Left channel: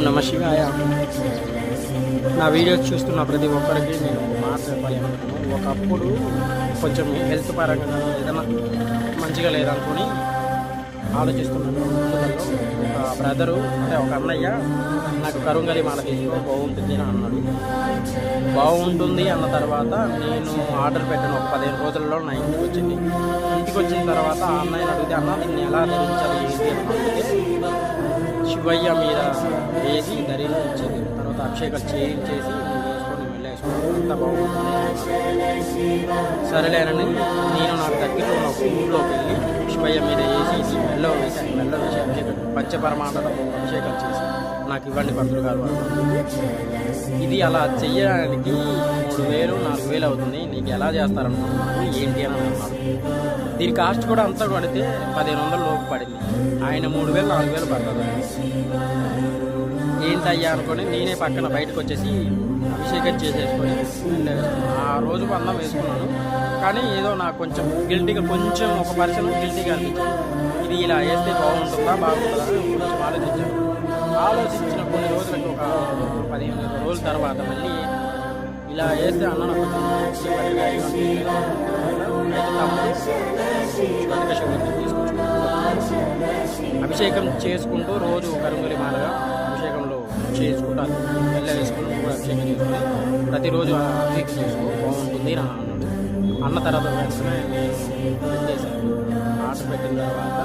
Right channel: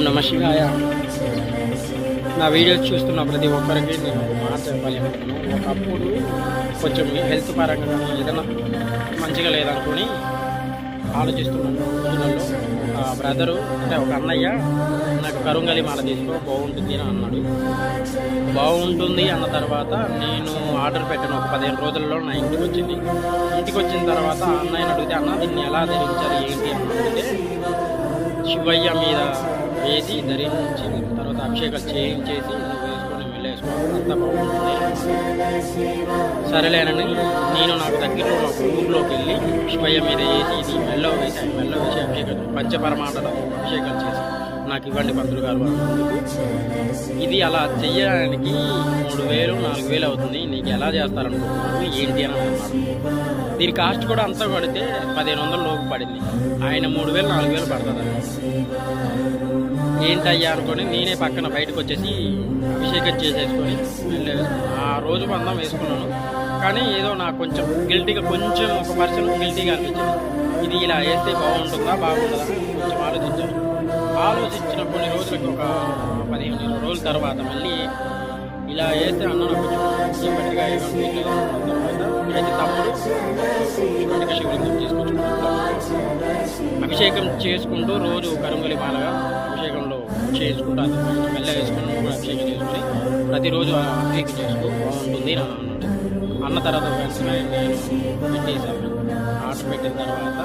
నమ శివాయ. నా వీడియోస్ చూస్తున్న ప్రతి ఒక్కరికి నేను ఒక మాట చెప్పాలి అనుకుంటున్నాను. ఒకప్పుడు కొంచెం హెల్త్ పరంగా కానీ ఏదైనా మంచిగా లేదనుకొని ఆలోచిస్తున్న రోజులలో ఒక బ్రదరు అంటే ఒక అన్నయ్య నాకు కరుంగలి మాల తీసుకో బాగుంటుంది అని అన్నాడు. బాగుంటుంది అన్న తర్వాత నేను ఆర్డర్ పెట్టాను. ఒక 15 రోజులలో నా ఇంటికి వచ్చింది. ఇంటికి వచ్చిన తర్వాత ఆ అన్నయ్యని అడిగితే, అన్న దీన్ని ఎలా ధరించాలి ఏంటి అని అడిగితే, శివయ్య మీద వేసి ధరించి తర్వాత అభిషేకాలు చేయించేసి నువ్వు వేసుకొని వెళ్ళేసుకో అంతా బాగుంటుంది అన్నాడు. సరేలేనని నేను నాకు దగ్గరలో ఉన్న ఒక ఊరిలోకి వెళ్ళి శివయ్య మీద వేసి ఇది మెల్లో వేసి ఆయన మెల్లో వేసి అభిషేకం పంచపరమాండలతో అభిషేకాలు చేసి నాకు ఇవ్వండి పంతులు గారు అన్నందుకు. ఇది అలా చెయ్యడానికి 3000 4000 అవుతుంది, నీకు ఎలా చేస్తారనుకుంటున్నావు ఏంటి అని అన్నాడు. దీని కాస్ట్ కూడా అంతా పడితే 1500 లోపు పడింది. ఆయన 3000 4000 పడుతుంది. ఏంటయ్యా అనుకొని నేనే పక్కన బయటకు వచ్చేసి అభిషేకం చేసేసుకొని మెల్లే వేసుకున్నాను. ఆ రోజు బంధం వేసుకున్నాను. కానీ ఏదో నాకు కొంచెం గిల్టీగా, కొంచెం ఒక పర్సన్ గిల్టీగా అనిపించింది. ఇది ఇలా వేస్తే బాగుంటుందా బాగుంటుందా అని కొంచెం ఆలోచించాను. ఆలోచించిన కొన్ని రోజులకి ఒక 15-20 రోజుల తర్వాత మళ్ళీ ఇలా వేస్తే అన్న నాకు కొంచెం బెటర్గా అనిపించలేదు తర్వాత అయితే తమ్ముడు కటిక శివలింగం తీసుకొచ్చుకుంటూ అభిషేకం చేసుకుంటూ రోజు కరుంగలి మాలగా అభిషేకంలో చేసుకుంటూ మెల్ల వేసుకొని నువ్వు కూడా అభిషేకం చేసుకొని ప్రతిరోజు అభిషేకం చేసుకో బాగుంటుంది అని అన్నాడు. అన్న తర్వాత వెంటనే నేను పెట్టేశాను. ఆర్డర్ పెట్టిన తర్వాత